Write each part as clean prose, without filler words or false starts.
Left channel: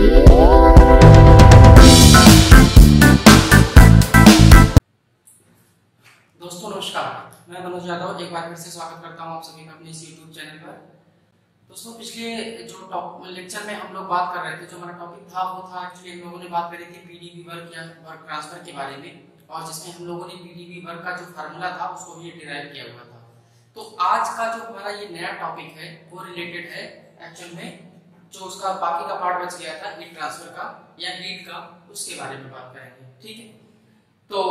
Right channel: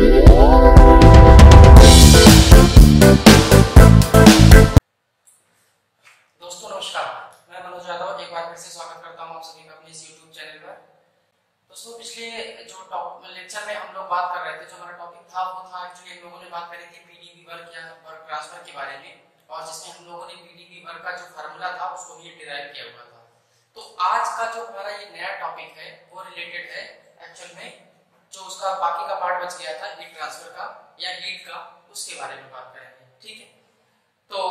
दोस्तों नमस्कार, मैं मनोज यादव एक बार फिर से स्वागत करता हूं आप सभी का अपने इस YouTube चैनल पर। दोस्तों पिछले जो लेक्चर में हम लोग बात कर रहे थे, जो हमारा टॉपिक था वो था एक्चुअली हम लोगों ने बात करी थी पीडीबी वर्क या वर्क ट्रांसफर के बारे में, और जिसमें हम लोगों ने पीडीबी वर्क का जो फार्मूला था उसको भी डिराइव किया हुआ था। तो आज का जो हमारा ये नया टॉपिक है वो रिलेटेड है एक्चुअल में जो उसका बाकी का पार्ट बच गया था हीट ट्रांसफर का या हीट का, उसके बारे में बात करेंगे। ठीक है, तो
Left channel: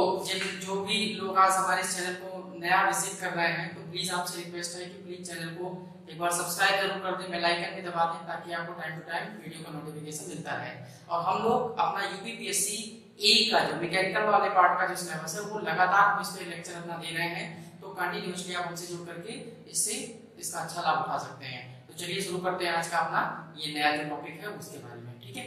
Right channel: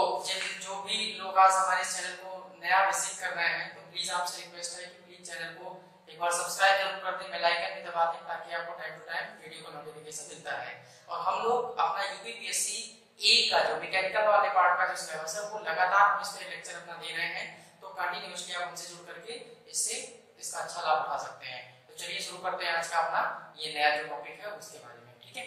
जो भी लोग आज हमारे चैनल को नया विजिट कर रहे हैं तो प्लीज आपसे रिक्वेस्ट है कि प्लीज चैनल को एक बार सब्सक्राइब जरूर कर दें, बेल आइकन भी दबा दें ताकि आपको टाइम टू टाइम वीडियो का नोटिफिकेशन मिलता रहे। और हम लोग अपना यूपीपीएससी ए का जो मैकेनिकल वाले पार्ट का जो सिलेबस है वो लगातार हम इस पे लेक्चर अपना दे रहे हैं, तो कंटिन्यूअसली आप हमसे जुड़ करके इससे इसका अच्छा लाभ उठा सकते हैं। तो चलिए शुरू करते हैं आज का अपना ये नया जो टॉपिक है उसके बारे में। ठीक है,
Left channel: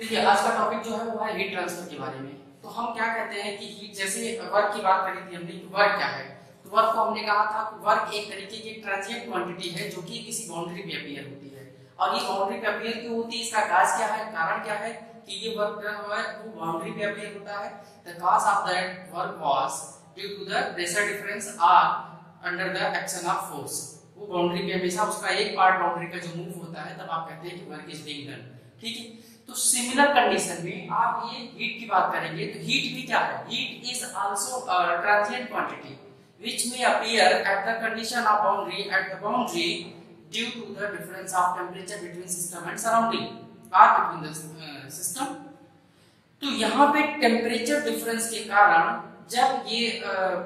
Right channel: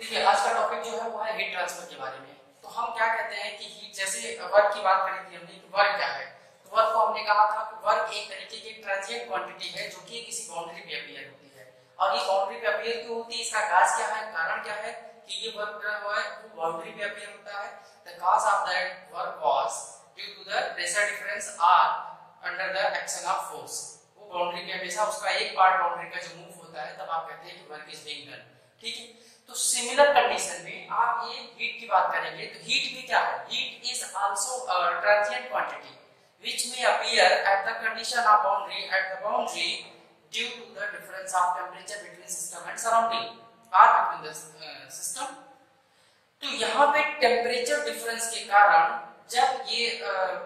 देखिए आज का टॉपिक जो है वो है हीट ट्रांसफर के बारे में। तो हम क्या कहते हैं कि हीट, जैसे वर्क की बात करी थी हमने कि वर्क क्या है, तो वर्क को हमने कहा था कि वर्क एक तरीके की ट्रांजिएंट क्वांटिटी है जो कि किसी बाउंड्री पे अपीयर होती है। और ये बाउंड्री पे अपीयर क्यों होती है, इसका काज क्या है, कारण क्या है कि ये वर्क जो है वो बाउंड्री पे अपीयर होता है। The cause of that work was due to the pressure difference or under the action of force. वो बाउंड्री पे हमेशा उसका एक पार्ट बाउंड्री का जो मूव होता है तब आप कहते हैं कि वर्क इज बीइंग डन। ठीक है, तो सिमिलर कंडीशन में आप ये हीट की बात करेंगे तो हीट भी क्या है, heat is also transient quantity which may appear at the condition of boundary at the boundary due to the difference of temperature between system and surrounding or between the system। तो यहाँ पे temperature difference के कारण जब ये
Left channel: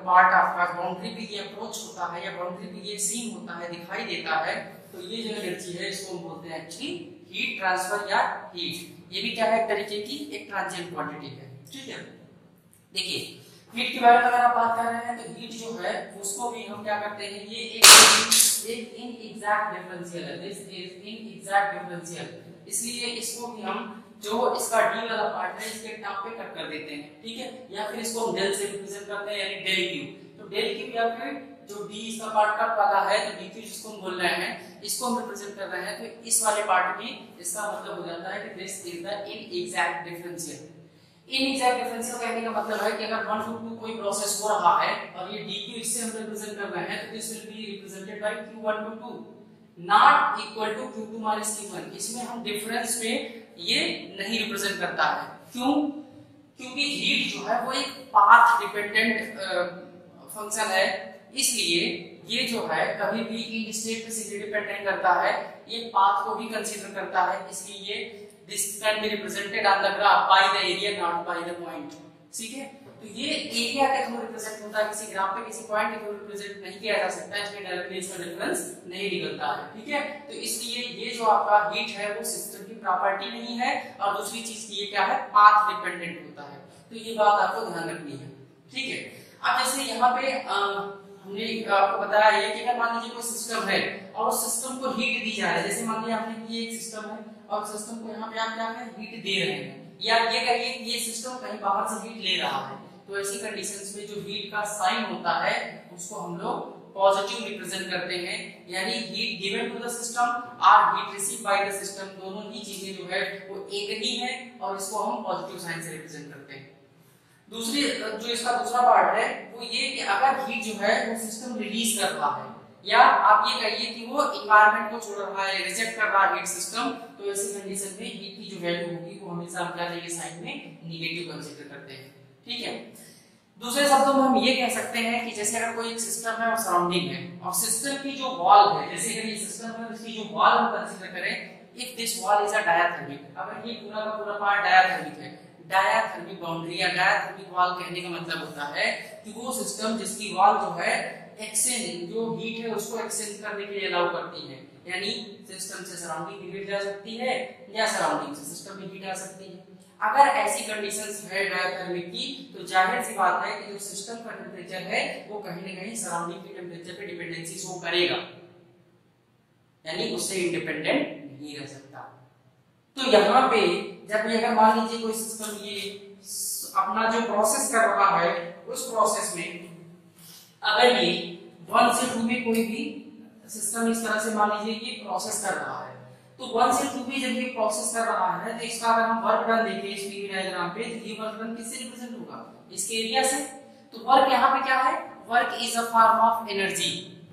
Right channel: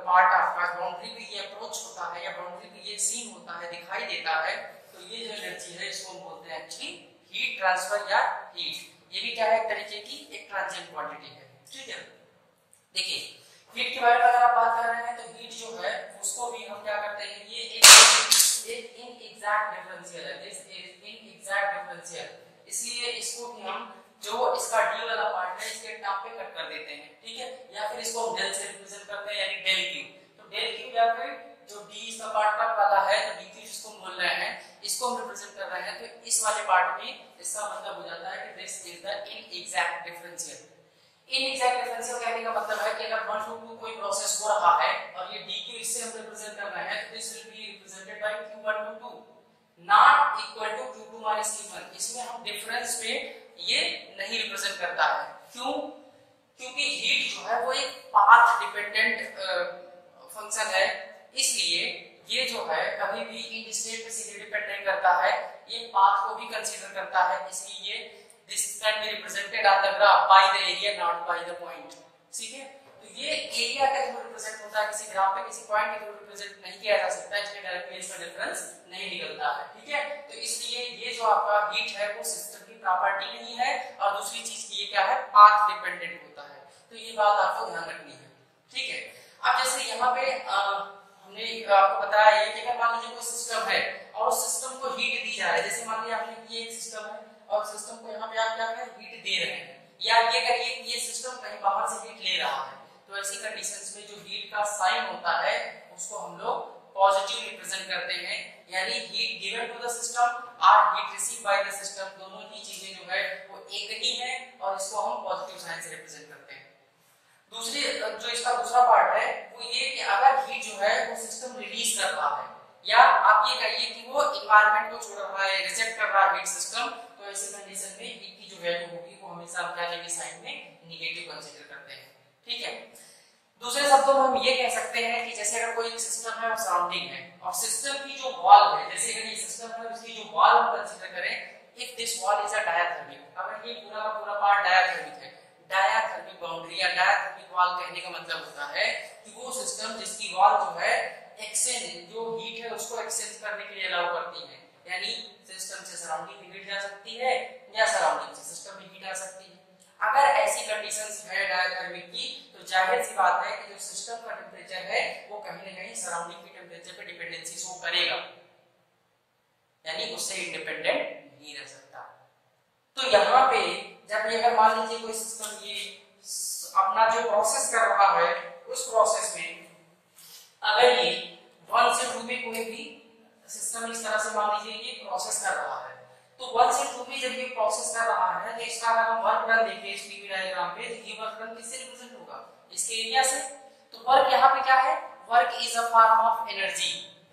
part आपका boundary पे ये अप्रोच होता है या बाउंड्री पे ये सीन होता है, दिखाई देता है, तो ये जो एनर्जी है इसको हम बोलते हैं एक्चुअली हीट ट्रांसफर या हीट। ये भी क्या है, एक तरीके की एक ट्रांजिएंट क्वांटिटी है। ठीक है, देखिए हीट के बारे में अगर आप बात कर रहे हैं तो हीट जो है उसको भी हम क्या करते हैं, ये एक इनएग्जैक्ट डिफरेंशियल है, दिस इज इनएग्जैक्ट डिफरेंशियल, इसलिए इसको भी हम जो इसका डी वाला पार्ट है इसके टॉप पे कट कर देते हैं। ठीक है, या फिर इसको हम डेल से रिप्रेजेंट करते हैं यानी डेल क्यू। तो डेल क्यू या फिर जो डी इसका पार्ट कट वाला है तो डी क्यू जिसको हम बोल रहे हैं इसको हम रिप्रेजेंट कर रहे हैं, तो इस वाले पार्ट में इसका मतलब हो जाता है कि this is the inexact differential. Inexact differential कहने का मतलब है कि अगर 1 to 2 कोई प्रोसेस हो रहा है और ये dq इससे हम रिप्रेजेंट कर रहे हैं तो this will be represented by q1 to 2 not equal to q2 minus q1। इसमें हम डिफरेंस पे ये नहीं रिप्रेजेंट करता है। क्यों? क्योंकि हीट जो है वो एक पाथ डिपेंडेंट फंक्शन है, इसलिए ये जो है कभी भी इन स्टेट से डिपेंडेंट करता है, ये पाथ को भी कंसीडर करता है, इसलिए this can be represented on the graph by the area not by the point। ठीक है, तो ये एरिया के थ्रू रिप्रेजेंट होता है, किसी ग्राफ पे किसी पॉइंट के थ्रू रिप्रेजेंट नहीं किया जा सकता, इसलिए डायरेक्टली इसका डिफरेंस नहीं निकलता है। ठीक है, तो इसलिए ये जो आपका हीट है वो सिस्टम की प्रॉपर्टी नहीं है, और दूसरी चीज की ये क्या है, पाथ डिपेंडेंट होता है, तो ये बात आपको ध्यान रखनी है। ठीक है, अब जैसे यहाँ पे हमने आपको बताया ये कि अगर मान लीजिए कोई सिस्टम है और उस सिस्टम को हीट दी जा रही है, जैसे मान लीजिए आपने ये एक सिस्टम है और सिस्टम को यहाँ पे आप क्या है हीट दे रहे हैं, या ये कहिए कि ये सिस्टम कहीं बाहर से हीट ले रहा है, तो ऐसी कंडीशंस में जो हीट का साइन होता है उसको हम लोग पॉजिटिव रिप्रेजेंट करते हैं, यानी heat given to the system और heat receive by the system, दोनों ही चीजें जो है वो एक ही है और इसको हम पॉजिटिव साइन से रिप्रेजेंट करते हैं। दूसरी जो इसका दूसरा पार्ट है वो ये कि अगर हीट जो है वो सिस्टम रिलीज कर रहा है, या आप ये कहिए कि वो एनवायरनमेंट को छोड़ रहा है, रिजेक्ट कर रहा है हीट सिस्टम, तो ऐसी कंडीशन में हीट की जो वैल्यू होगी वो हमेशा हम क्या लेंगे, साइड में नेगेटिव कंसीडर करते हैं। ठीक है, दूसरे शब्दों में हम ये कह सकते हैं कि जैसे अगर कोई एक सिस्टम है और सराउंडिंग है और सिस्टम की जो वॉल है, जैसे अगर ये सिस्टम है इसकी जो वॉल हम कंसीडर करें, if this wall is a diathermic, अगर ये पूरा का पूरा पार्ट डायाथर्मिक है, डायाथर्मिक बाउंड्री या डायाथर्मिक वॉल कहने का मतलब होता है कि वो सिस्टम जिसकी वॉल जो है एक्सचेंज जो हीट है उसको एक्सचेंज करने के लिए अलाउ करती है, यानी सिस्टम से सराउंडिंग में हीट जा सकती है या सराउंडिंग से सिस्टम में हीट आ सकती है। अगर ऐसी कंडीशंस है डायाथर्मिक की तो जाहिर सी बात है कि जो सिस्टम का टेंपरेचर है वो कहीं ना कहीं सराउंडिंग के टेंपरेचर पे डिपेंडेंसी शो करेगा, यानी उससे इंडिपेंडेंट नहीं रह सकता। तो यहाँ पे जब ये अगर मान लीजिए कोई सिस्टम ये अपना जो प्रोसेस कर रहा है उस प्रोसेस में अगर ये 1 से 2 में कोई भी सिस्टम इस तरह से मान लीजिए ये प्रोसेस कर रहा है, तो 1 से 2 में जब ये प्रोसेस कर रहा है तो इसका अगर हम वर्क डन देखें इस पीवी डायग्राम पे, तो ये वर्क डन किससे रिप्रेजेंट होगा, इसके एरिया से। तो वर्क यहाँ पे क्या है, work is a form of energy,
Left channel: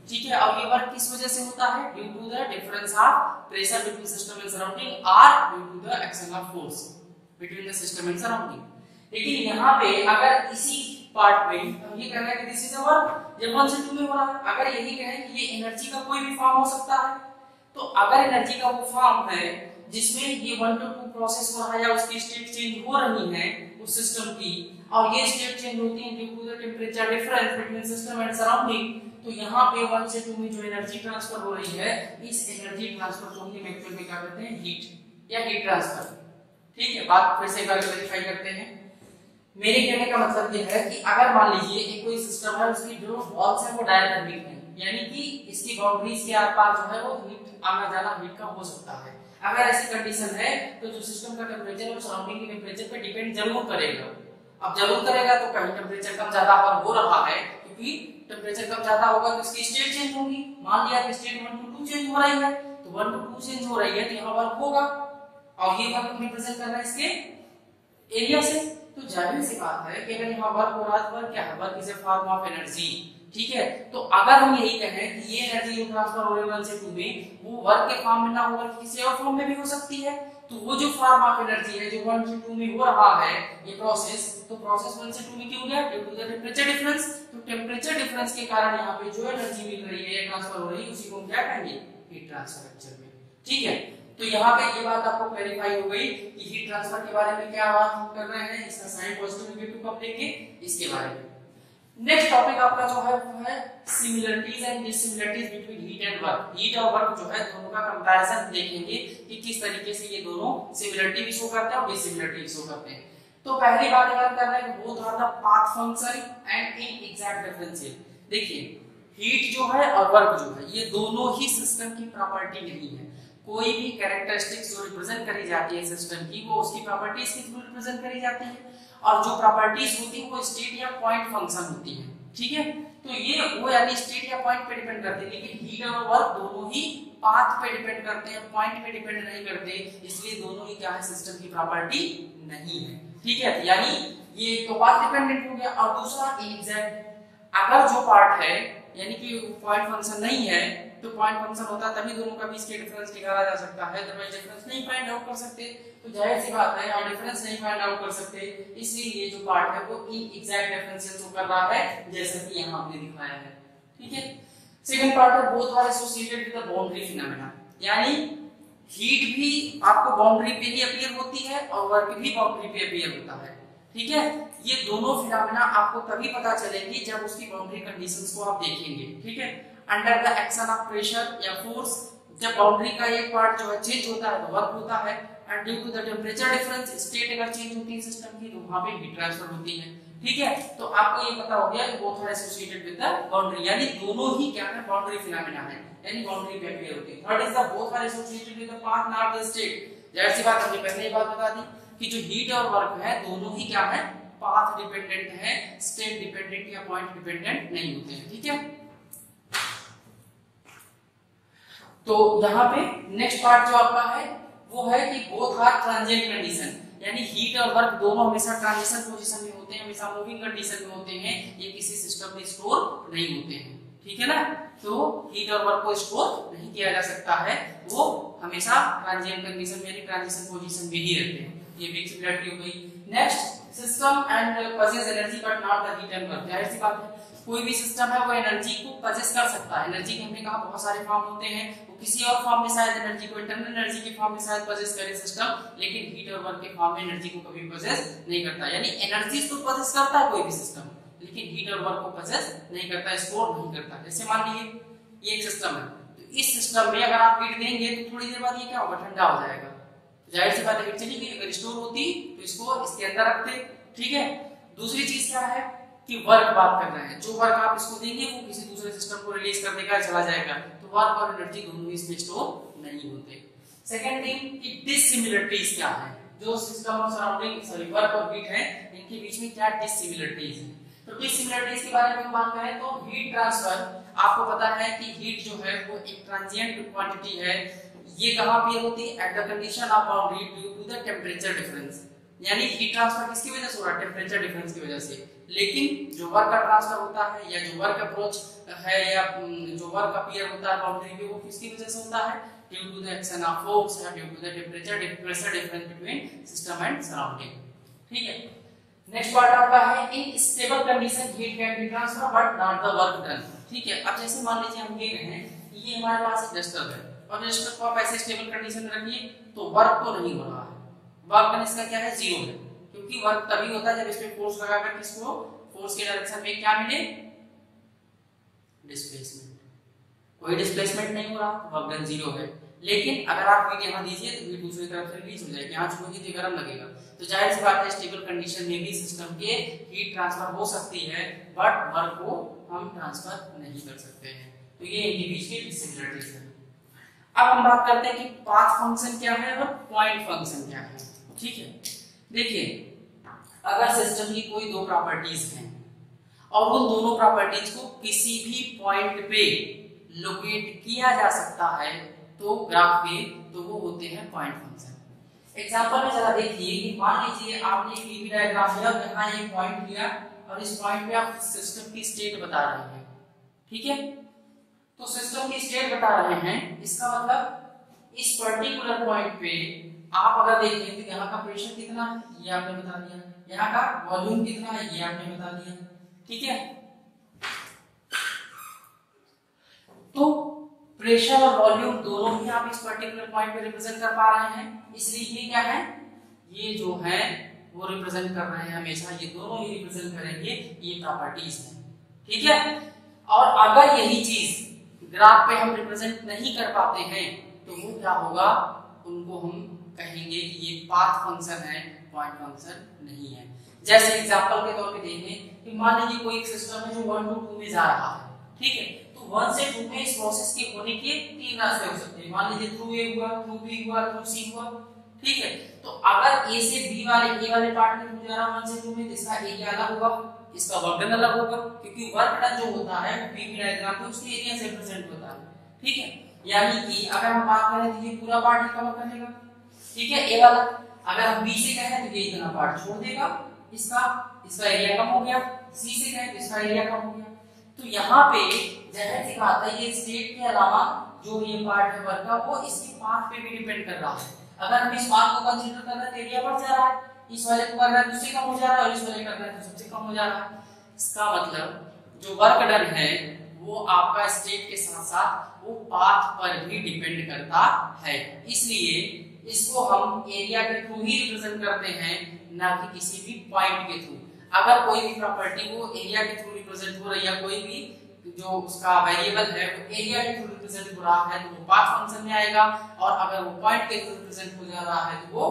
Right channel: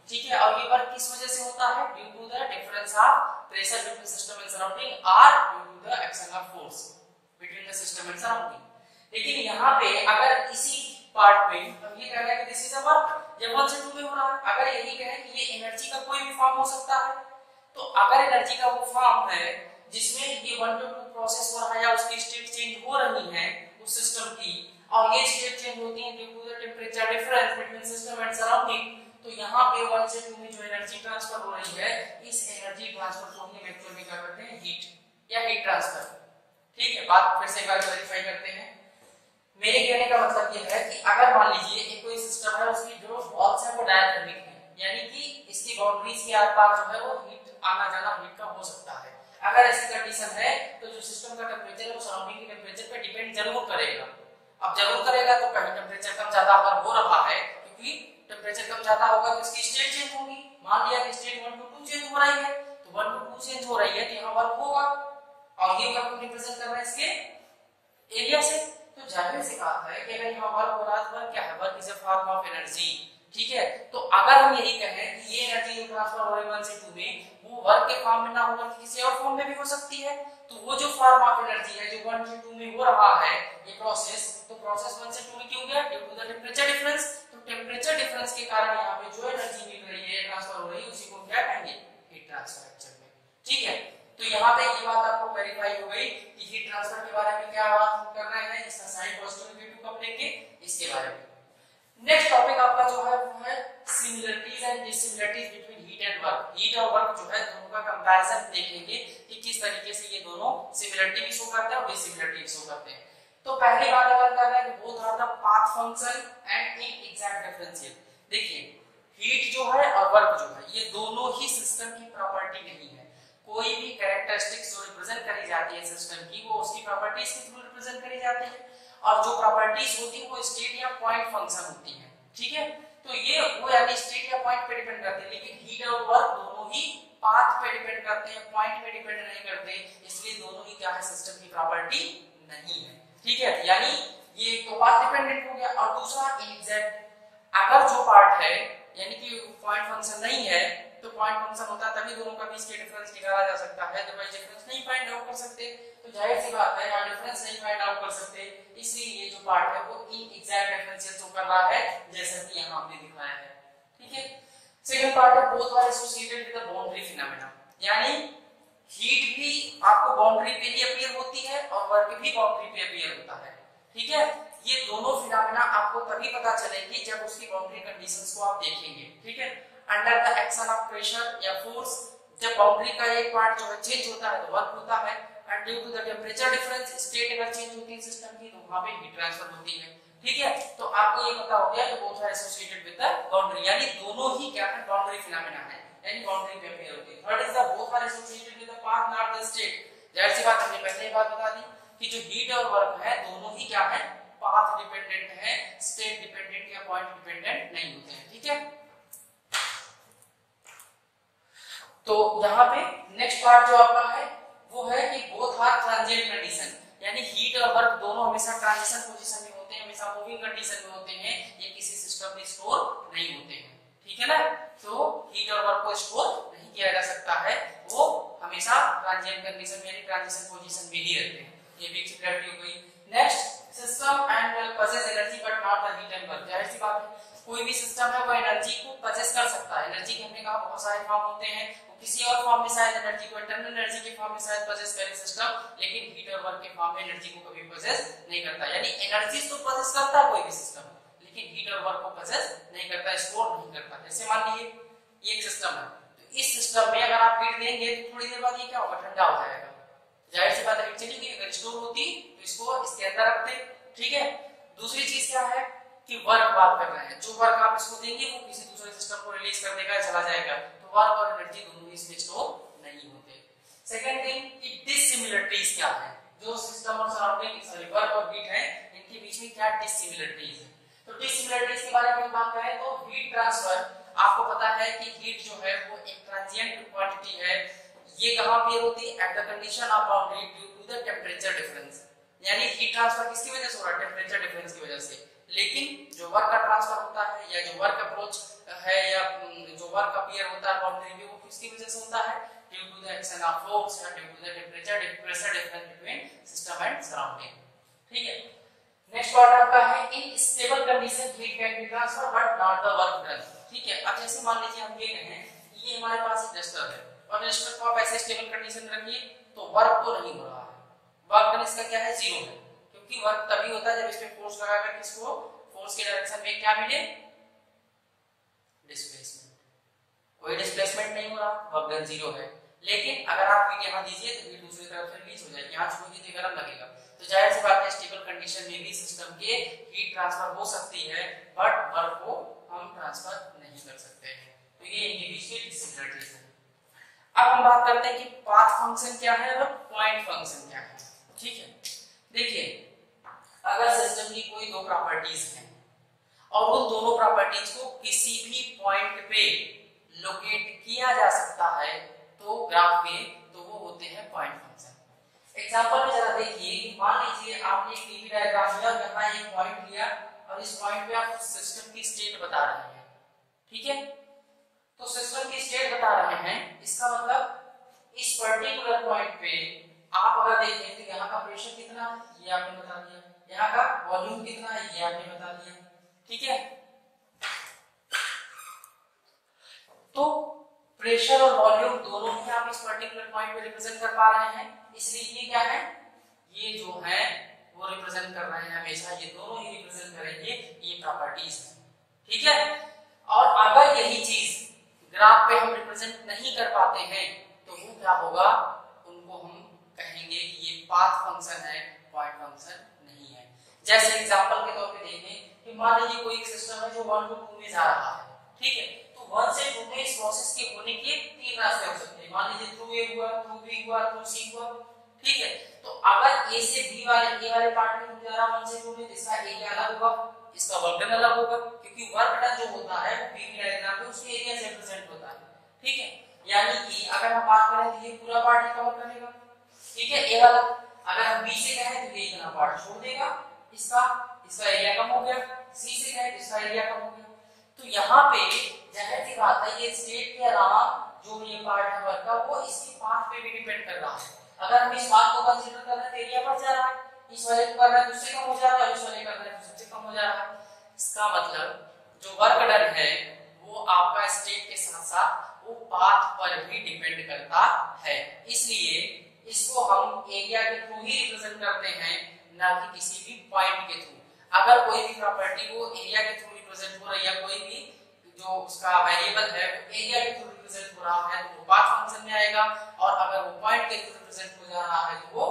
ठीक है। और ये वर्क किस वजह से होता है, due to the difference of pressure between system and surrounding और due to the action of force between the system and surrounding. लेकिन यहाँ पे अगर इसी पार्ट में हम ये कह रहे हैं कि दिस इज अ वर्क, ये 1 से 2 में हो रहा है, अगर यही कहें कि ये एनर्जी का कोई भी फॉर्म हो सकता है, तो अगर एनर्जी का वो फॉर्म है जिसमें ये 1 to 2 प्रोसेस हो रहा है या उसकी स्टेट चेंज हो रही है उस सिस्टम की, और ये स्टेट चेंज होती है due to the temperature difference between system and surrounding, तो यहाँ पे 1 से 2 में जो एनर्जी ट्रांसफर हो रही है, इस एनर्जी ट्रांसफर को हम एक्चुअल में क्या कहते हैं, हीट या हीट ट्रांसफर। ठीक है, बात फिर से एक बार क्लैरिफाई करते हैं। मेरे कहने का मतलब ये है कि अगर मान लीजिए एक कोई सिस्टम है, उसकी जो वॉल्स है वो डायथर्मिक है, यानी कि इसकी बाउंड्रीज के आर पार जो है वो हीट आना जाना हीट का हो सकता है। अगर ऐसी कंडीशन है तो जो सिस्टम का टेंपरेचर है वो सराउंडिंग के टेंपरेचर पे डिपेंड जरूर करेगा। अब जरूर करेगा तो कहीं टेंपरेचर कम ज्यादा पर हो रहा है, क्योंकि टेंपरेचर कम ज्यादा होगा तो इसकी स्टेट चेंज होगी। मान लिया कि स्टेट 1 to 2 चेंज हो रही है, तो 1 to 2 चेंज हो रही है तो यहाँ वर्क होगा, और ये वर्क रिप्रेजेंट कर रहा है इसके एरिया से। तो जाहिर सी बात है कि अगर यहाँ वर्क हो रहा है, वर्क क्या है, work is a form of energy, ठीक है। तो अगर हम यही कहें कि ये एनर्जी जो ट्रांसफर हो रही है 1 से 2 में, वो वर्क के फॉर्म में ना होकर किसी और फॉर्म में भी हो सकती है, तो वो जो फॉर्म ऑफ एनर्जी है जो 1 से 2 में हो रहा है ये प्रोसेस, तो प्रोसेस 1 से 2 में क्यों गया, due to the temperature difference. तो टेंपरेचर डिफरेंस के कारण यहाँ पे जो एनर्जी मिल रही है ट्रांसफर हो रही है, उसी को हम क्या कहेंगे, हीट ट्रांसफर एक्चुअल में, ठीक है। तो यहाँ पे ये बात आपको क्लैरिफाई हो गई कि हीट ट्रांसफर के बारे में क्या बात हम कर रहे हैं, इसका साइन पॉजिटिव नेगेटिव कब लेंगे, इसके बारे में। नेक्स्ट टॉपिक आपका जो है वो है similarities and dissimilarities between heat and work. Heat और वर्क जो है दोनों का कंपैरिजन देखेंगे कि किस तरीके से ये दोनों सिमिलरिटी भी शो करते हैं और डिसिमिलरिटी शो करते हैं। तो पहली बात अगर कर रहे हैं कि both are the path function and inexact differential. देखिए हीट जो है और वर्क जो है ये दोनों ही सिस्टम की प्रॉपर्टी नहीं है। कोई भी कैरेक्टरिस्टिक्स जो रिप्रेजेंट करी जाती है सिस्टम की, वो उसकी प्रॉपर्टीज के थ्रू रिप्रेजेंट करी जाती है, और जो प्रॉपर्टीज होती है वो स्टेट या पॉइंट फंक्शन होती है, ठीक है। तो ये वो यानी स्टेट या पॉइंट पे डिपेंड करती है, लेकिन हीट और वर्क दोनों ही पाथ पे डिपेंड करते हैं, पॉइंट पे डिपेंड नहीं करते, इसलिए दोनों ही क्या है, सिस्टम की प्रॉपर्टी नहीं है, ठीक है। यानी ये एक तो पाथ डिपेंडेंट हो गया, और दूसरा एग्जैक्ट। अगर जो पार्ट है यानी कि पॉइंट फंक्शन नहीं है, तो पॉइंट फंक्शन होता तभी दोनों का बीच के डिफरेंस निकाला जा सकता है, अदरवाइज डिफरेंस नहीं फाइंड आउट कर सकते। तो जाहिर सी बात है यहाँ डिफरेंस नहीं फाइंड आउट कर सकते, इसलिए ये जो पार्ट है वो इनएग्जैक्ट डिफरेंशियल शो कर रहा है, जैसा कि यहाँ हमने दिखाया है, ठीक है। सेकंड पार्ट है both are associated with the boundary phenomena, यानी हीट भी आपको बाउंड्री पे ही अपीयर होती है और वर्क भी बाउंड्री पे अपीयर होता है, ठीक है। ये दोनों फिनोमेना आपको तभी पता चलेंगी जब उसकी बाउंड्री कंडीशंस को आप देखेंगे, ठीक है। Under the action of pressure या फोर्स, जब बाउंड्री का एक पार्ट जो है चेंज होता है तो वर्क होता है, and due to the temperature difference, state अगर चेंज होती है सिस्टम की तो वहां पे हीट ट्रांसफर होती है, ठीक है। तो आपको ये पता हो गया कि both are associated with the boundary, यानी दोनों ही क्या है, बाउंड्री फिनोमेना है, यानी बाउंड्री पे अपीयर होती है। Third is the both are associated with the path not the state. जाहिर सी बात, हमने पहले ही बात बता दी कि जो हीट और वर्क है दोनों ही क्या है, पाथ डिपेंडेंट है, स्टेट डिपेंडेंट या पॉइंट डिपेंडेंट नहीं होते हैं, ठीक है। तो यहाँ पे नेक्स्ट पार्ट जो आपका है वो है कि बोथ आर ट्रांजिएंट कंडीशन, यानी हीट और वर्क दोनों हमेशा ट्रांजिशन पोजीशन में होते हैं, हमेशा मूविंग कंडीशन में होते हैं, ये किसी सिस्टम में स्टोर नहीं होते हैं, ठीक है ना। तो हीट और वर्क को स्टोर नहीं किया जा सकता है, वो हमेशा ट्रांजिएंट कंडीशन में यानी ट्रांजिशन पोजीशन में ही रहते हैं। ये भी सिमिलरिटी हो गई। Next system and possess energy but not the heat and work. जाहिर सी बात है कोई भी सिस्टम है वो एनर्जी को पजेस कर सकता है। एनर्जी के हमने कहा बहुत सारे फॉर्म होते हैं, वो किसी और फॉर्म में शायद एनर्जी को इंटरनल एनर्जी के फॉर्म में शायद पजेस करे सिस्टम, लेकिन हीट और वर्क के फॉर्म में एनर्जी को कभी पजेस नहीं करता। यानी एनर्जी तो पजेस करता है कोई भी सिस्टम, लेकिन हीट और वर्क को पजेस नहीं करता, स्टोर नहीं करता। जैसे मान लीजिए ये एक सिस्टम है, तो इस सिस्टम में अगर आप हीट देंगे तो थोड़ी देर बाद ये क्या होगा, ठंडा हो जाएगा। जाहिर सी बात है हीट चली गई, अगर स्टोर होती तो इसको इसके अंदर रखते, ठीक है। दूसरी चीज क्या है कि वर्क बात कर रहे हैं, जो वर्क आप इसको देंगे वो किसी दूसरे सिस्टम को रिलीज कर देगा, चला जाएगा, तो वर्क और एनर्जी दोनों इसमें स्टोर नहीं होते। सेकंड थिंग कि डिसिमिलरिटीज क्या है, जो सिस्टम और सराउंडिंग सॉरी वर्क और हीट है इनके बीच में क्या डिसिमिलरिटीज है। तो डिसिमिलरिटीज के बारे में बात करें तो हीट ट्रांसफर, आपको पता है कि हीट जो है वो एक ट्रांजिएंट क्वांटिटी है, ये कहाँ अपीयर होती है? At the condition of boundary due to the temperature difference, यानी हीट ट्रांसफर किसकी वजह से हो रहा है? टेम्परेचर डिफरेंस की वजह से। लेकिन जो वर्क का ट्रांसफर होता है या जो वर्क अप्रोच है या जो वर्क अपीयर होता है बाउंड्री पे, वो किसकी वजह से होता है? Due to the action of force या due to the temperature difference between system and surrounding. ठीक है, नेक्स्ट पार्ट आपका है in stable condition heat can be transfer but not the work done. ठीक है, अब जैसे मान लीजिए हम ये कहें ये हमारे पास एक रजिस्टर है और रजिस्टर को आप ऐसे स्टेबल कंडीशन में रखिए तो वर्क तो नहीं हो रहा है, वर्क डन इसका क्या है? 0 है, क्योंकि वर्क तभी होता है जब इस पे फोर्स लगाकर किसको फोर्स के डायरेक्शन में क्या मिले? डिस्प्लेसमेंट। कोई डिस्प्लेसमेंट नहीं हो रहा, वर्क डन 0 है। लेकिन अगर आप हीट यहाँ दीजिए तो हीट दूसरी तरफ से रिलीज हो जाएगी, यहाँ छोड़िए तो गर्म लगेगा, तो जाहिर सी बात है स्टेबल कंडीशन में भी सिस्टम के हीट ट्रांसफर हो सकती है बट वर्क को हम ट्रांसफर नहीं कर सकते हैं। तो ये इनके बीच की डिसिमिलरिटीज है। अब हम बात करते हैं कि पाथ फंक्शन क्या है और पॉइंट फंक्शन क्या है। ठीक है, देखिए अगर सिस्टम की कोई दो प्रॉपर्टीज हैं और उन दोनों प्रॉपर्टीज को किसी भी पॉइंट पे लोकेट किया जा सकता है तो ग्राफ पे, तो वो होते हैं पॉइंट फंक्शन। एग्जांपल में जरा देखिए कि मान लीजिए आपने एक टीवी डायग्राम लिया और यहाँ एक पॉइंट लिया और इस पॉइंट पे आप सिस्टम की स्टेट बता रहे हैं। ठीक है, तो सिस्टम की स्टेट बता रहे हैं, इसका मतलब इस पर्टिकुलर पॉइंट पे आप अगर देखें तो यहाँ का प्रेशर कितना है ये आपने बता दिया, यहाँ का वॉल्यूम कितना है ये आपने बता दिया। ठीक है, तो प्रेशर और वॉल्यूम दोनों ही आप इस पर्टिकुलर पॉइंट पे रिप्रेजेंट कर पा रहे हैं, इसलिए ये क्या है? ये जो है वो रिप्रेजेंट कर रहे हैं हमेशा, ये दोनों ही रिप्रेजेंट करेंगे, ये प्रॉपर्टीज हैं। ठीक है, और अगर यही चीज ग्राफ पे हम रिप्रेजेंट नहीं कर पाते हैं तो वो क्या होगा? उनको हम कहेंगे कि ये पाथ फंक्शन है, पॉइंट फंक्शन नहीं है। जैसे एग्जांपल के तौर पे देखें कि मान लीजिए कोई एक सिस्टम है जो 1 to 2 में जा रहा है। ठीक है, तो 1 से 2 में इस प्रोसेस के होने के 3 रास्ते हो सकते हैं। मान लीजिए थ्रू ए हुआ, थ्रू बी हुआ, थ्रू सी हुआ। ठीक है, तो अगर ए से बी वाले ए वाले पार्ट में जा रहा 1 से 2 में, इसका एरिया अलग होगा, इसका वर्क डन अलग होगा, क्योंकि वर्क डन जो होता है वो पीवी डायग्राम पे उसके एरिया से रिप्रेजेंट होता है। ठीक है, यानी कि अगर हम बात करें तो ये पूरा पार्ट ही कवर करेगा। ठीक है, ए वाला। अगर हम बी से कहें तो ये इतना पार्ट छोड़ देगा, इसका एरिया कम हो गया। सी से कहें तो इसका एरिया कम हो गया। तो यहाँ पे जाहिर सी बात है ये स्टेट के अलावा जो ये पार्ट है वर्क का वो इसके पाथ पे भी डिपेंड कर रहा है। अगर हम इस पाथ को कंसीडर कर रहे हैं तो एरिया बढ़ जा रहा है, इस वाले को कर रहे हैं तो उससे कम हो जा रहा है, और इस वाले कर रहे हैं तो सबसे कम हो जा रहा है। इसका मतलब जो वर्क डन है वो आपका स्टेट के साथ साथ वो पाथ पर भी डिपेंड करता है, इसलिए इसको हम एरिया के थ्रू ही रिप्रेजेंट करते हैं, ना कि किसी भी पॉइंट के थ्रू। अगर कोई भी प्रॉपर्टी वो एरिया के थ्रू रिप्रेजेंट हो रही है, कोई भी जो उसका वेरिएबल है वो एरिया के थ्रू रिप्रेजेंट हो रहा है तो वो पाथ फंक्शन में आएगा, और अगर वो पॉइंट के थ्रू रिप्रेजेंट हो जा रहा है तो वो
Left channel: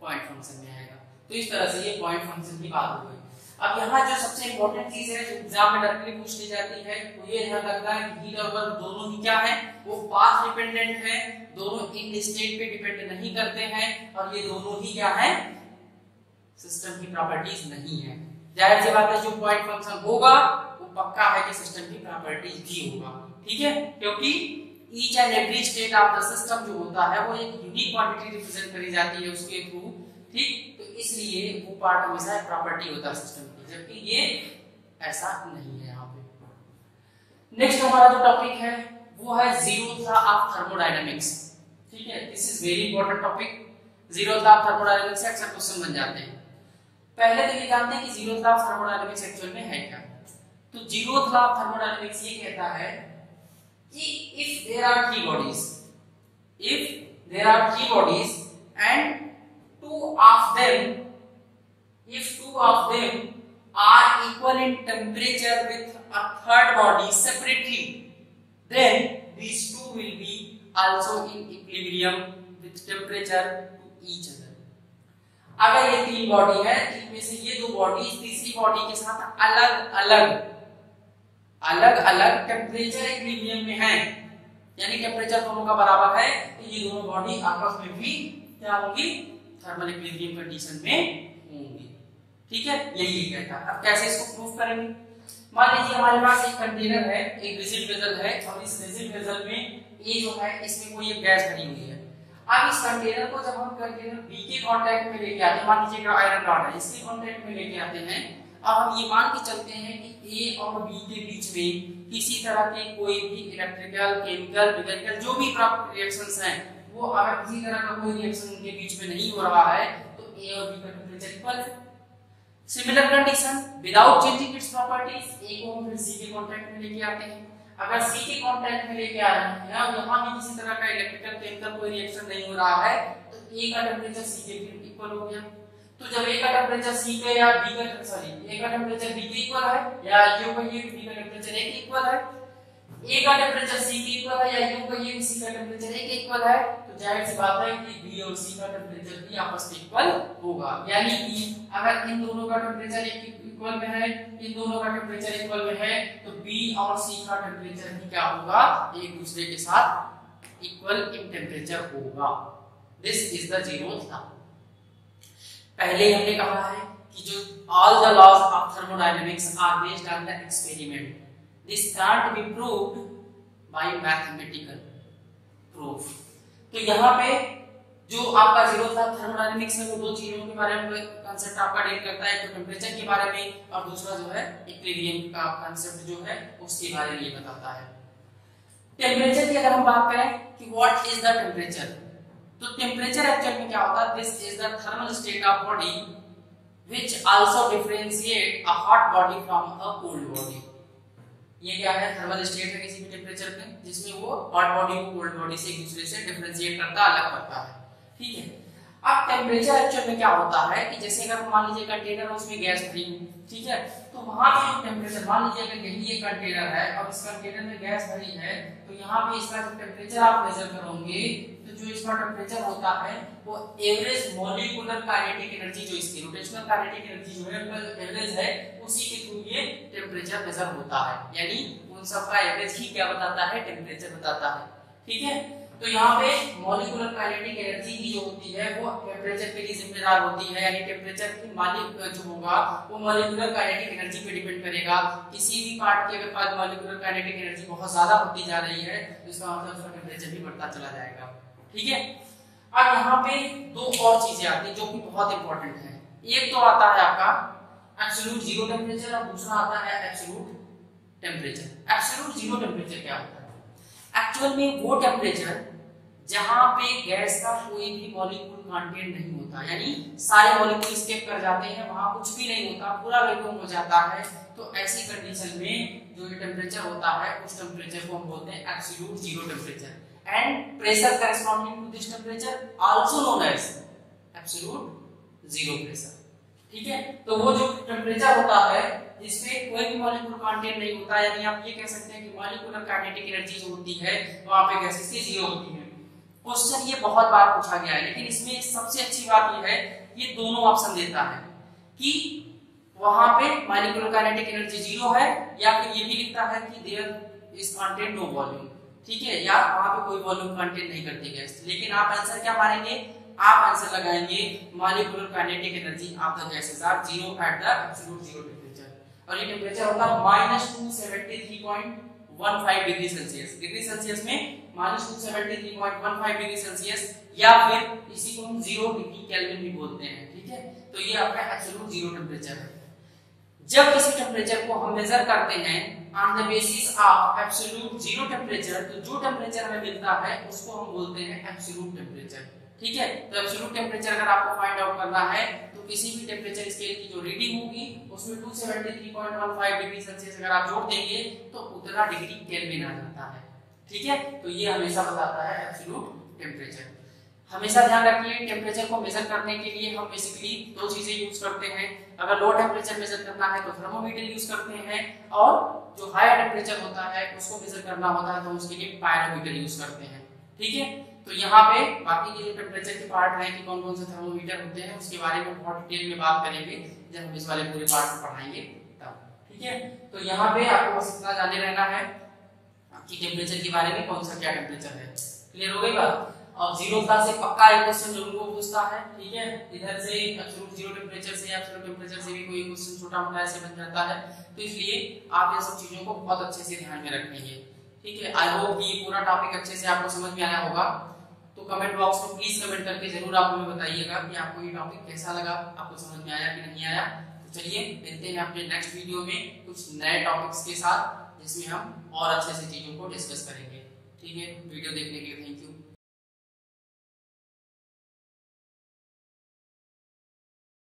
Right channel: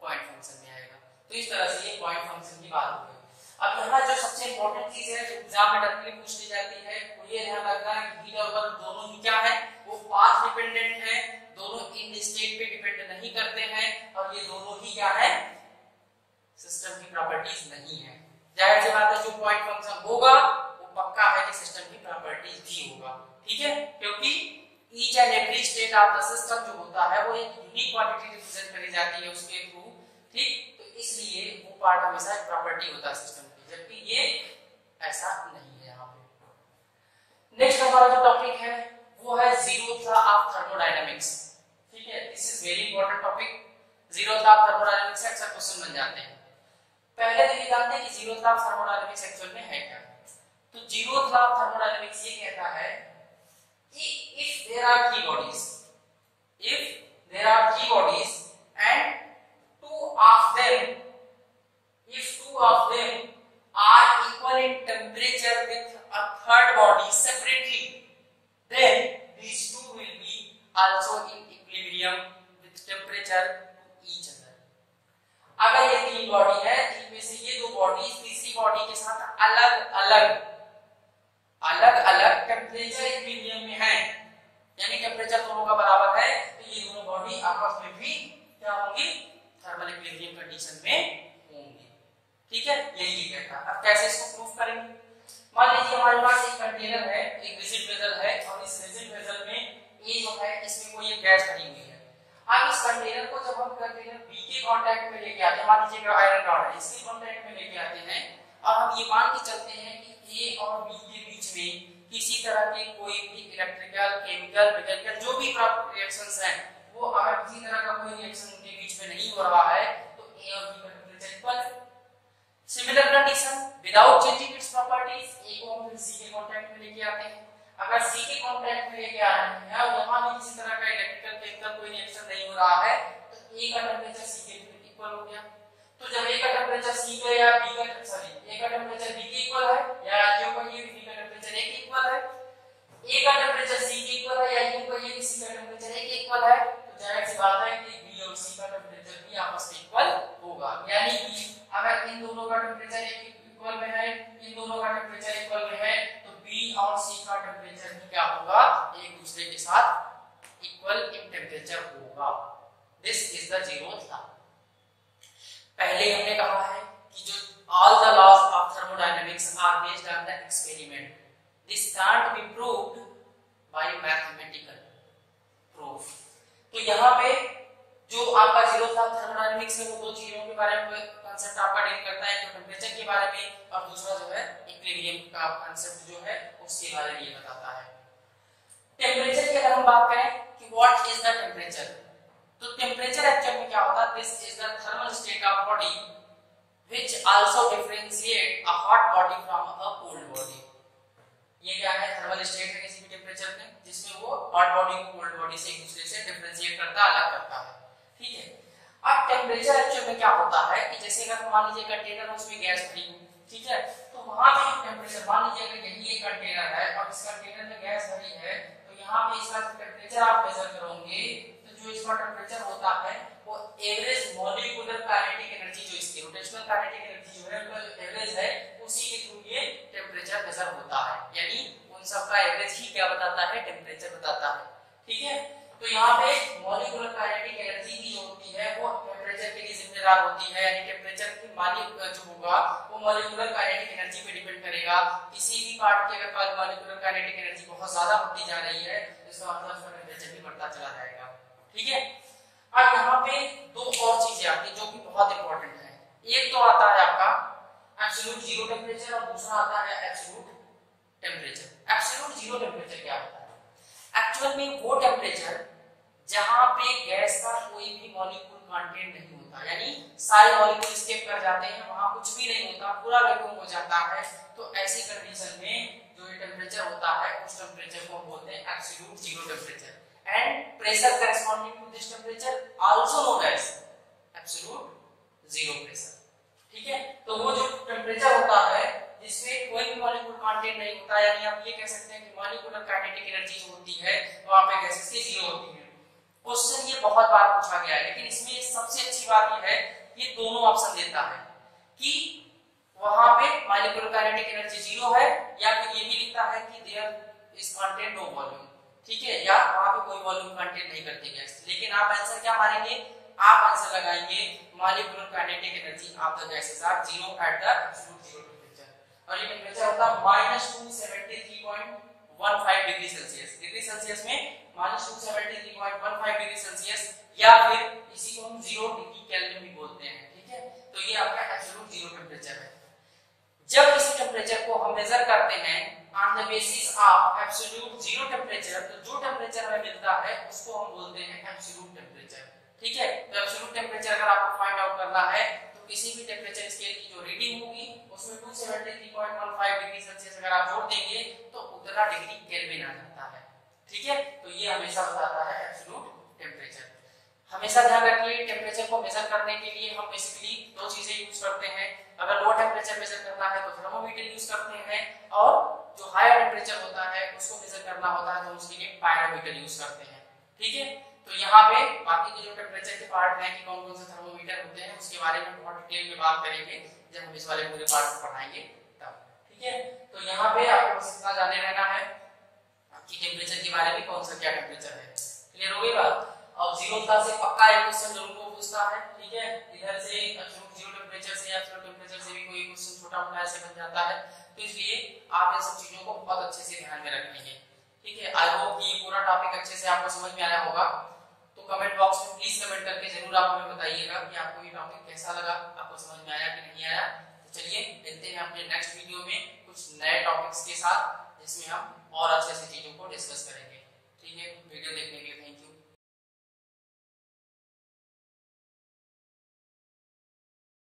पॉइंट फंक्शन में आएगा। तो इस तरह से ये पॉइंट फंक्शन की बात हो गई। अब यहाँ जो सबसे इंपॉर्टेंट चीज है जो एग्जाम में डायरेक्टली पूछ ली जाती है वो ये ध्यान रखना है कि हीट और वर्क दोनों ही क्या है? वो पाथ डिपेंडेंट है, दोनों इन स्टेट पे डिपेंड नहीं करते हैं, और ये दोनों ही क्या है? सिस्टम की प्रॉपर्टीज नहीं है। जाहिर सी बात है जो पॉइंट फंक्शन होगा वो पक्का है कि सिस्टम की प्रॉपर्टीज भी होगा। ठीक है, क्योंकि each and every state of the system जो होता है वो एक यूनिक क्वांटिटी रिप्रेजेंट करी जाती है उसके थ्रू। ठीक, तो इसलिए वो पार्ट हमेशा एक प्रॉपर्टी होता है सिस्टम की, जबकि ये ऐसा नहीं है यहाँ पे। नेक्स्ट हमारा जो टॉपिक है वो है जीरो लॉ ऑफ थर्मोडायनामिक्स। ठीक है, this is very important topic. Zero law of thermodynamics से अक्सर क्वेश्चन बन जाते हैं। पहले तो ये जानते हैं कि zero law of thermodynamics actual में है क्या। तो जीरो लॉ ऑफ थर्मोडायनामिक्स ये कहता है कि if there are three bodies and two of them are equal in temperature with a third body separately, then these two will be also in equilibrium with temperature to each other. अगर ये तीन body है, इनमें से ये दो body तीसरी body के साथ अलग अलग टेम्परेचर इक्विलिब्रियम में है, यानी टेम्परेचर दोनों का बराबर है, तो ये दोनों बॉडी आपस में भी क्या होंगी? थर्मल इक्विलिब्रियम कंडीशन में होंगी। ठीक है, यही कहता है। अब कैसे इसको प्रूफ करेंगे? मान लीजिए हमारे पास एक कंटेनर है, एक रिजिड वेसल है, और इस रिजिड वेसल में ये जो है इसमें कोई एक गैस भरी हुई है। अब इस कंटेनर को जब हम कंटेनर बी के कांटेक्ट में लेके आते हैं, मान लीजिए आयरन रॉड है, इसके कांटेक्ट में लेके आते हैं, और हम ये मान के चलते हैं कि ए और बी के बीच में किसी तरह के कोई भी इलेक्ट्रिकल, केमिकल, मैकेनिकल जो भी रिएक्शंस हैं, वो अगर किसी तरह का कोई रिएक्शन उनके बीच में नहीं हो रहा है तो ए और बी का टेंपरेचर इक्वल है। Similar condition without changing its properties, A को हम फिर सी के कांटेक्ट में लेके आते हैं। अगर सी के कांटेक्ट में लेके आ रहे हैं और यहाँ भी किसी तरह का इलेक्ट्रिकल, केमिकल कोई रिएक्शन नहीं हो रहा है तो ए का टेंपरेचर सी के इक्वल हो गया। तो जब ए का टेंपरेचर सी के या बी का ए का टेंपरेचर बी के इक्वल है, या यू का ये बी का टेंपरेचर ए के इक्वल है, ए का टेंपरेचर सी के इक्वल है, या यू का ये सी का टेंपरेचर ए के इक्वल है, तो जाहिर सी बात है कि बी और सी का टेंपरेचर भी आपस में इक्वल होगा। यानी कि अगर इन दोनों का टेंपरेचर इक्वल में है, इन दोनों का टेंपरेचर इक्वल में है, तो बी और सी का टेंपरेचर भी क्या होगा, एक दूसरे के साथ इक्वल इन टेंपरेचर होगा। This is the zeroth law. पहले हमने कहा है कि जो all the laws of thermodynamics are based on the experiment. This can't be proved by mathematical proof. तो यहाँ पे जो आपका जीरोथ लॉ थर्मोडायनेमिक्स है वो दो चीजों के बारे में कांसेप्ट आपका डील करता है, तो टेम्परेचर के बारे में और दूसरा जो है इक्विलिब्रियम का कांसेप्ट जो है उसके बारे में ये बताता है। टेम्परेचर की अगर हम बात करें कि व्हाट इज द टेम्परेचर, तो टेम्परेचर एक्चुअल में क्या होता है, this is the thermal state of body which also differentiate a hot body from a cold body. ये क्या है, थर्मल स्टेट है किसी भी टेम्परेचर में जिसमें वो हॉट बॉडी को कोल्ड बॉडी से एक दूसरे से डिफरेंशिएट करता है, अलग करता है। ठीक है, अब टेम्परेचर एक्चुअल में क्या होता है कि जैसे अगर मान लीजिए कंटेनर है उसमें गैस भरी हुई, ठीक है, तो वहां पे जो टेम्परेचर, मान लीजिए अगर यही एक कंटेनर है और इस कंटेनर में गैस भरी है, तो यहाँ पे इसका जो टेम्परेचर आप मेजर करोगे तो जो इसका टेम्परेचर होता है वो एवरेज मॉलिक्यूलर काइनेटिक एनर्जी, जो इसकी रोटेशनल काइनेटिक एनर्जी जो है उसका जो एवरेज है उसी के थ्रू ये टेम्परेचर मेजर होता है। यानी उन सब का एवरेज ही क्या बताता है, टेम्परेचर बताता है। ठीक है, तो यहाँ पे मॉलिक्यूलर काइनेटिक एनर्जी ही जो होती है वो टेम्परेचर के लिए जिम्मेदार होती है। यानी टेम्परेचर की मालिक जो होगा वो मॉलिक्यूलर काइनेटिक एनर्जी पे डिपेंड करेगा। किसी भी पार्ट की अगर मॉलिक्यूलर काइनेटिक एनर्जी बहुत ज्यादा होती जा रही है तो इसका मतलब उसका टेम्परेचर भी बढ़ता चला जाएगा। ठीक है, अब यहाँ पे दो और चीजें आती है जो कि बहुत इंपॉर्टेंट है। एक तो आता है आपका एब्सोल्यूट जीरो टेम्परेचर और दूसरा आता है absolute temperature. Absolute zero temperature क्या होता है, एक्चुअल में वो टेम्परेचर जहां पे गैस का कोई भी मॉलिक्यूल कंटेंट नहीं होता, यानी सारे मॉलिक्यूल स्केप कर जाते हैं, वहां कुछ भी नहीं होता, पूरा वैक्यूम हो जाता है। तो ऐसी कंडीशन में जो टेम्परेचर होता है उस टेम्परेचर को हम बोलते हैं absolute zero temperature. And pressure corresponding to this temperature also known as absolute zero pressure. ठीक है, तो वो जो टेम्परेचर होता है जिसमें कोई भी मॉलिक्यूल कंटेंट नहीं होता, यानी आप ये कह सकते हैं कि मॉलिक्यूलर काइनेटिक एनर्जी जो होती है वहां पे गैसेस की जीरो होती है। क्वेश्चन ये बहुत बार पूछा गया है, लेकिन इसमें सबसे अच्छी बात ये है ये दोनों ऑप्शन देता है कि वहां पे मॉलिक्यूलर काइनेटिक एनर्जी जीरो है, या फिर ये भी लिखता है कि there is content no volume. ठीक है, या वहां पे कोई वॉल्यूम कंटेंट नहीं करती गैस। लेकिन आप आंसर क्या मारेंगे, आप आंसर लगाएंगे molecular kinetic energy of the gases are zero at the absolute zero temperature. और ये टेम्परेचर होता है -273.15 डिग्री सेल्सियस। डिग्री सेल्सियस में -273.15 डिग्री सेल्सियस, या फिर इसी को हम 0 डिग्री केल्विन भी बोलते हैं। ठीक है, तो ये आपका एब्सोल्यूट जीरो टेम्परेचर है। जब किसी टेम्परेचर को हम मेजर करते हैं on the basis of absolute zero temperature, तो जो टेम्परेचर हमें मिलता है उसको हम बोलते हैं एब्सोल्यूट टेम्परेचर। ठीक है, तो एब्सोल्यूट टेम्परेचर अगर आपको फाइंड आउट करना है तो किसी भी टेम्परेचर स्केल की जो रीडिंग होगी उसमें 273.15 डिग्री सेल्सियस अगर आप जोड़ देंगे तो उतना डिग्री केल्विन आ जाता है। ठीक है, तो ये हमेशा बताता है एब्सोल्यूट टेम्परेचर। हमेशा ध्यान रखिए टेम्परेचर को मेजर करने के लिए हम बेसिकली दो चीजें यूज करते हैं। अगर लो टेम्परेचर मेजर करना है तो थर्मोमीटर यूज करते हैं, और जो हायर टेम्परेचर होता है उसको मेजर करना होता है तो उसके लिए पायरोमीटर यूज करते हैं। ठीक है, तो यहाँ पे बाकी के जो टेम्परेचर के पार्ट हैं कि कौन कौन से थर्मोमीटर होते हैं उसके बारे में बहुत डिटेल में बात करेंगे जब हम इस वाले पूरे पार्ट को पढ़ाएंगे तब। ठीक है, तो यहाँ पे आपको बस इतना जाने रहना है कि टेम्परेचर के बारे में कौन सा क्या टेम्परेचर है। क्लियर हो गई बात। और जीरोता से पक्का एक क्वेश्चन जरूर वो पूछता है, ठीक है। इधर से जीरो टेम्परेचर से या जीरो टेम्परेचर से भी कोई क्वेश्चन छोटा मोटा ऐसे बन जाता है, तो इसलिए आप ये सब चीजों को बहुत अच्छे से ध्यान में रखेंगे, ठीक है। आई होप ये पूरा टॉपिक अच्छे से आपको समझ में आया होगा। तो कमेंट बॉक्स में प्लीज कमेंट करके जरूर आप हमें बताइएगा कि आपको ये टॉपिक कैसा लगा, आपको समझ में आया कि नहीं आया। तो चलिए मिलते हैं अपने नेक्स्ट वीडियो में कुछ नए टॉपिक्स के साथ, जिसमें हम और अच्छे से चीजों को डिस्कस करेंगे, ठीक है। वीडियो देखने के लिए थैंक यू।